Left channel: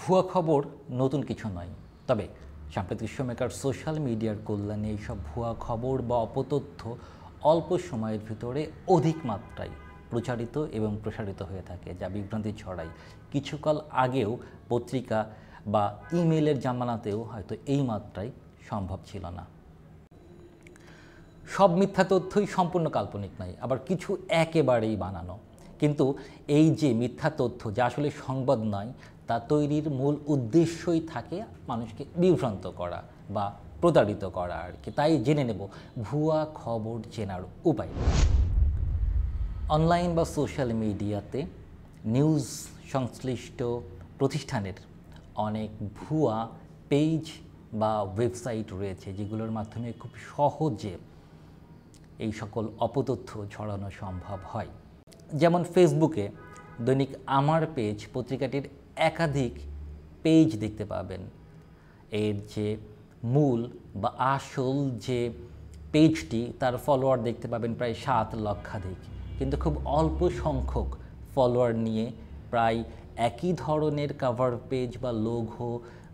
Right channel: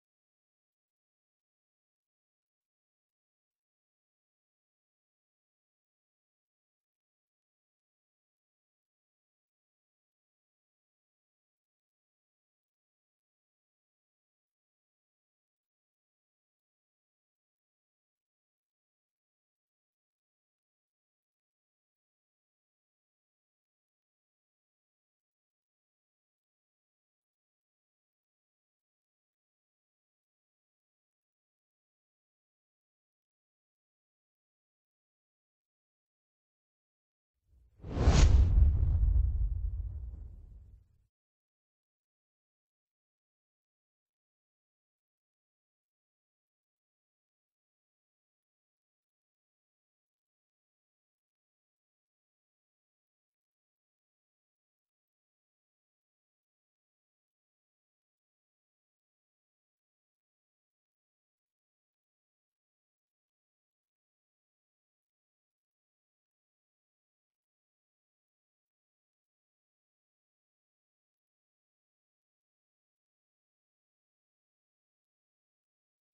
ভুয়া খবর নতুন কিছু নয়, তবে সাম্প্রতিক সময়কার সোশ্যাল মিডিয়ার কল্যাণে এইসব ভুয়া খবর বা অপতথ্য অল্প সময়ের ভিতরে অধিক মাত্রায় প্রচারিত এবং প্রসারিত হয়ে থাকে, যা বিভ্রান্তি ছড়ায়। কিছুকাল আগেও পত্রিকা বা ইমেলের জামানাতেও হয়তো এই মাত্রায় সম্ভব ছিল না। সব মিথ্যা তথ্যই সম্পূর্ণ কাল্পনিক নয়, আবার কিছু একেবারেই বানানো। কিন্তু এই যে মিথ্যা তথ্য, যা আসলে সংবাদ নয়, তা তৈরির মূল উদ্দেশ্যই থাকে মানুষকে বিভ্রান্ত করা বা প্রতারিত করা আর কি। তাই জেনে নেব ভুয়া খবর চেনার উপায়। অনলাইন বা সোশ্যাল মিডিয়াতে নিউজ সংশ্লিষ্ট প্রতিষ্ঠানের অনেক ভুয়া পেজ বা ওয়েবসাইট রয়েছে, যেগুলোর মাধ্যমে খুব সহজে এই সকল অপতথ্য ছড়ানো সম্ভব হয়। যেমন ফেসবুকে দৈনিক আমার পেজ পত্রিকাটির একাধিক পেজ দেখতে পাবেন। এর যে মূল বা আসল যে পেজটি, তার ফলোয়ার দেখতে পাবেন প্রায় 7 লক্ষাধিক, কিন্তু খুব অল্প সংখ্যক ফলোয়ার নিয়ে প্রায় একই ধরনের কভার পেজ বা লোগো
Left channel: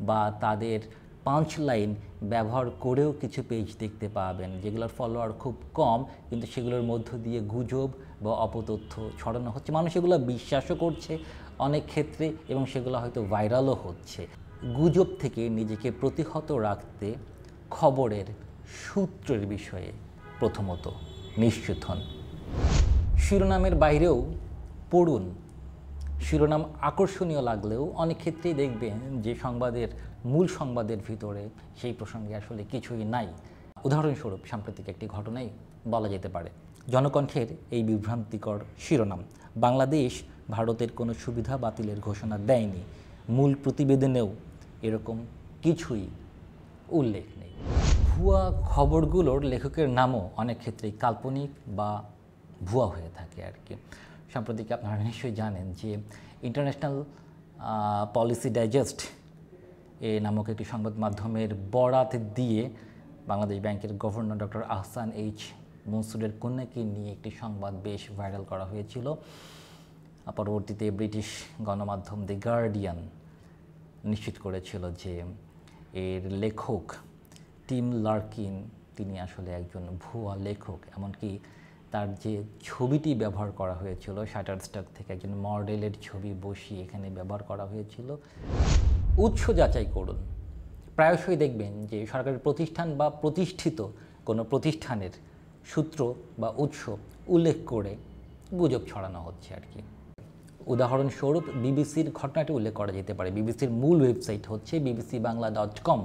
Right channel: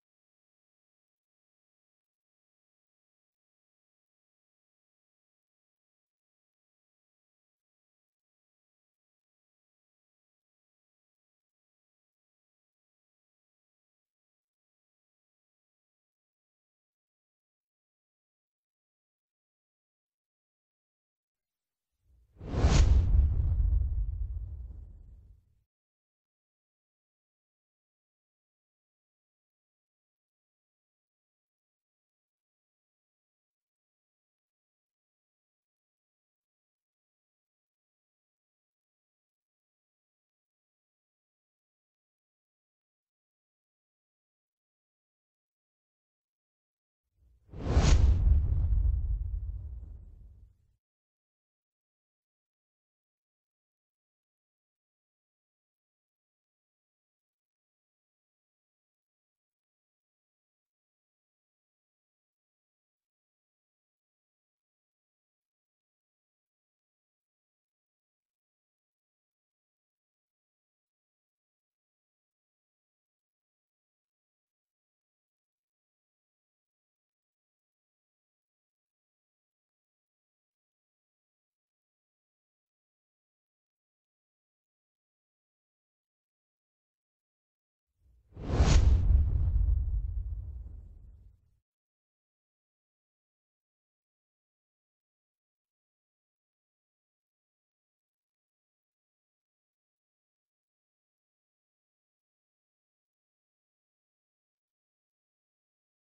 বা তাদের পাঁচ লাইন ব্যবহার করেও কিছু পেজ দেখতে পাবেন, যেগুলোর ফলোয়ার খুব কম, কিন্তু সেগুলোর মধ্য দিয়ে গুজব বা অপতথ্য ছড়ানো হচ্ছে। মানুষ এগুলো বিশ্বাসও করছে অনেক ক্ষেত্রে এবং সেগুলো হয়তো ভাইরালও হচ্ছে। গুজব থেকে নিজেকে প্রতিহত রাখতে খবরের সূত্রের বিষয়ে প্রথমত নিশ্চিত হন। শিরোনামের বাইরেও পড়ুন। শিরোনাম আকর্ষণীয় লাগলেও অনেক ক্ষেত্রেই দেখবেন যে মূল সংবাদের ভিতরে সেই প্রসঙ্গে আসলে কিছুই নাই। উদাহরণস্বরূপ সাম্প্রতিক একটি ঘটনাই বলা যেতে পারে। জনকণ্ঠের এই বিভ্রান্তিকর শিরোনাম: বাংলাদেশ ভারতের কোনো সুবিধা বাতিলের ঘোষণা দেয়নি। মূল প্রতিবেদনেও এরকম কিছুই উল্লেখ নেই। ভুয়া খবরগুলোর লেখকের নামও অনেক ক্ষেত্রেই কাল্পনিক বা ভুয়া হয়ে থাকে আর কি। সম্প্রতি আপনারা নিশ্চয়ই জানেন যে ইন্টারন্যাশনাল পলিসি ডাইজেস্ট নামক একটি সংবাদ মাধ্যমের বরাত দিয়ে বাংলাদেশ ব্যাংকের গভর্নর ডক্টর আহসান এইচ মনসুরের কন্যাকে নিয়ে একটি সংবাদ বেশ ভাইরাল করা হয়েছিল। পরবর্তীতে ব্রিটিশ গণমাধ্যম দ্য গার্ডিয়ান নিশ্চিত করেছিল যে এর লেখক টিম লার্কিন, তিনি আসলে একজন ভুয়া লেখক। এমনকি তার যে ছবিটি ব্যবহার করা হয়েছিল, শাটারস্টক থেকে একজন মডেলের ছবি বসিয়ে এখানে ব্যবহার করা হয়েছিল। উৎস যাচাই করুন। প্রায়শই দেখবেন যে সরকারি প্রতিষ্ঠান বা প্রতিষ্ঠিত কোনো প্রতিষ্ঠানের সূত্র বা উৎস উল্লেখ করে গুজব ছড়ানো হচ্ছে আর কি। উদাহরণস্বরূপ বিবিসির ঘটনাটি উল্লেখ করা যেতে পারে। বিবিসির মূল ওয়েবসাইট হচ্ছে bbcbangla.com,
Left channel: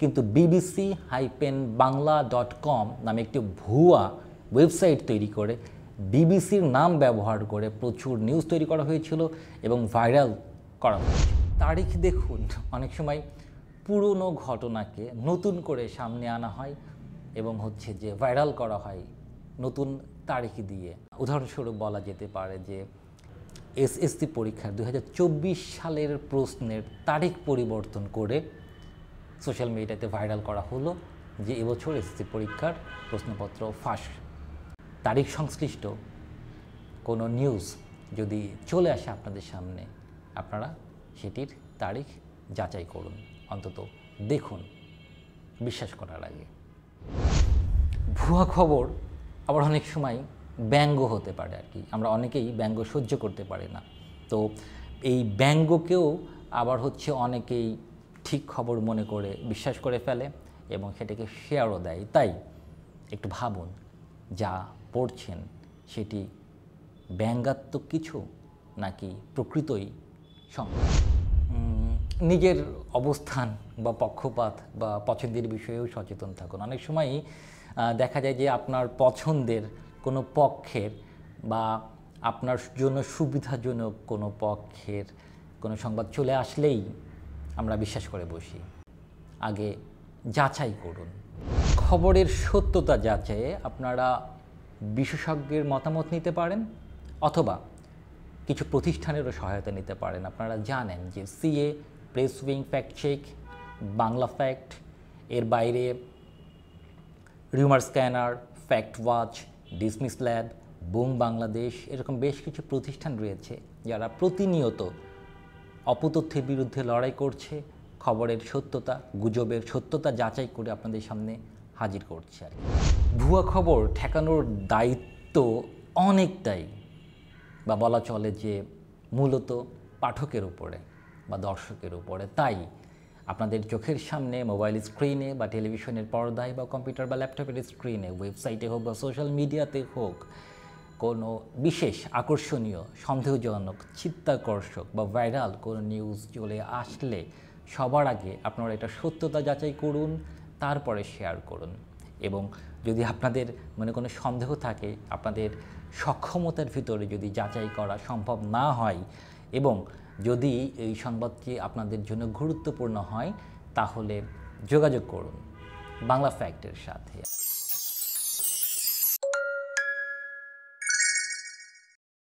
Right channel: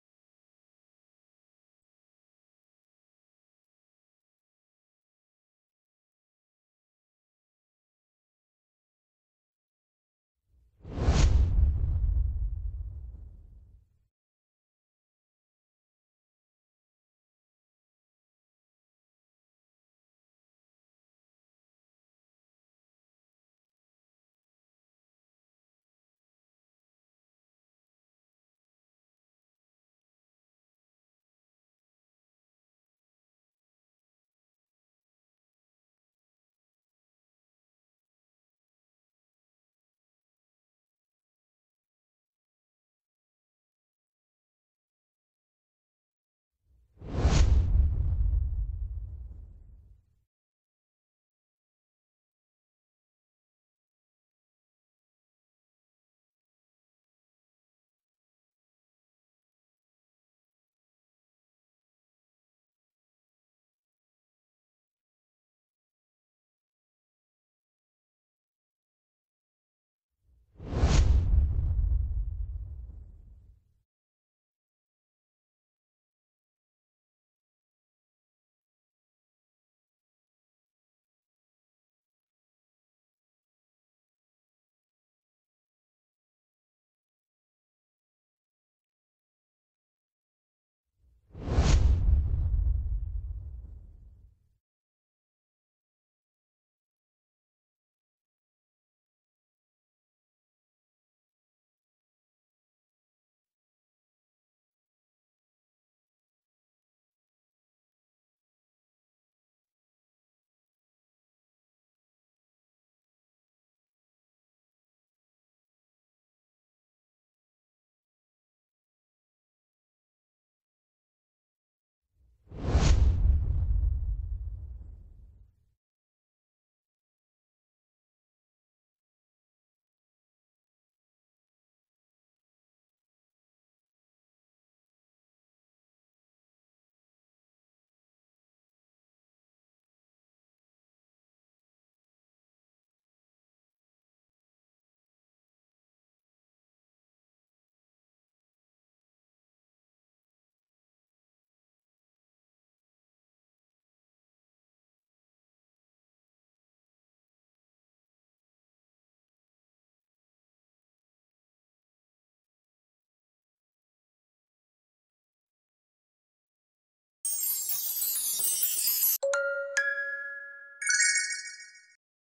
কিন্তু bbc-bangla.com নামে একটি ভুয়া ওয়েবসাইট তৈরি করে বিবিসির নাম ব্যবহার করে প্রচুর নিউজ তৈরি করা হয়েছিল এবং ভাইরাল করা হয়েছিল। তারিখ দেখুন, অনেক সময় পুরনো ঘটনাকে নতুন করে সামনে আনা হয় এবং হচ্ছে যে ভাইরাল করা হয় নতুন তারিখ দিয়ে। উদাহরণস্বরূপ বলা যেতে পারে যে এসএসসি পরীক্ষার 2024 সালের প্রশ্নের তারিখ পরিবর্তন করে সোশ্যাল মিডিয়াতে ভাইরাল করা হলো যে এবছর এসএসসি পরীক্ষার প্রশ্নপত্র ফাঁস। তারিখ সংশ্লিষ্ট কোনো নিউজ যদি চলে আসে আপনাদের সামনে, আপনারা সেটির তারিখ যাচাই করুন, অন্তত দেখুন বিশ্বাস করার আগে। ভুয়া খবর আবার অনেক সময় ব্যঙ্গ হতে পারে আর কি। আমরা অনেকেই ব্যঙ্গ সহ্য করতে পারি না, তো এই ব্যঙ্গকেও আবার হচ্ছে অনেকেই ঠিক খবর মনে করে বিশ্বাস করে ফেলে এবং সেটাকে শেয়ারও দেয়। তাই একটু ভাবুন, যা পড়ছেন সেটি ব্যঙ্গাত্মক কিছু নাকি প্রকৃতই সম্ভব। নিজের অবস্থান বা পক্ষপাত বা পছন্দের বিষয়েও সচেতন থাকুন। অনেক সময়ই দেখা যায় যে আপনার পছন্দের কোনো পক্ষের বা আপনার জন্য সুবিধাজনক কোনো পক্ষের কোনো সংবাদ চলে আসলেই আমরা বিশ্বাস করে বসি। আগে যাচাই করুন। খবরের সত্যতা যাচাইয়ে আপনারা বিশেষজ্ঞের মতামত নিতে পারেন অথবা কিছু প্রতিষ্ঠানেরও সহায়তা নিতে পারেন। আপনারা জানেন যে CA, press wing, fact check, Bangla fact, এর বাইরে rumour scanner, fact watch, dismiss lab, boom Bangladesh, এরকম বেশ কিছু প্রতিষ্ঠান রয়েছে যারা প্রতিনিয়ত অপতথ্যের বিরুদ্ধে লড়াই করছে, খবরের সত্যতা, গুজবের সত্যতা যাচাই করে আপনাদের সামনে হাজির করছে। ভুয়া খবর ঠেকানোর দায়িত্ব অনেকটাই, বা বলা চলে যে মূলত পাঠকের উপরে বা দর্শকের উপরে। তাই আপনাদের চোখের সামনে মোবাইল স্ক্রিনে বা টেলিভিশনের পর্দায় বা কম্পিউটার বা ল্যাপটপের স্ক্রিনে, ওয়েবসাইটে হোক বা সোশ্যাল মিডিয়াতে হোক, কোনো বিশেষ আকর্ষণীয়, সন্দেহজনক, চিত্তাকর্ষক বা ভাইরাল কোনো নিউজ চলে আসলে সবার আগে আপনারা এটা সত্যতা যাচাই করুন, তারপরে শেয়ার করুন। এবং যদি আপনাদের মনে কোনো সন্দেহ থাকে, আপনাদের সক্ষমতার ভিতরে যদি যাচাই করা সম্ভব না হয় এবং যদি এই সংবাদটি আপনাদের জন্য গুরুত্বপূর্ণ হয়, তাহলে যোগাযোগ করুন বাংলা ফ্যাক্টের সাথে।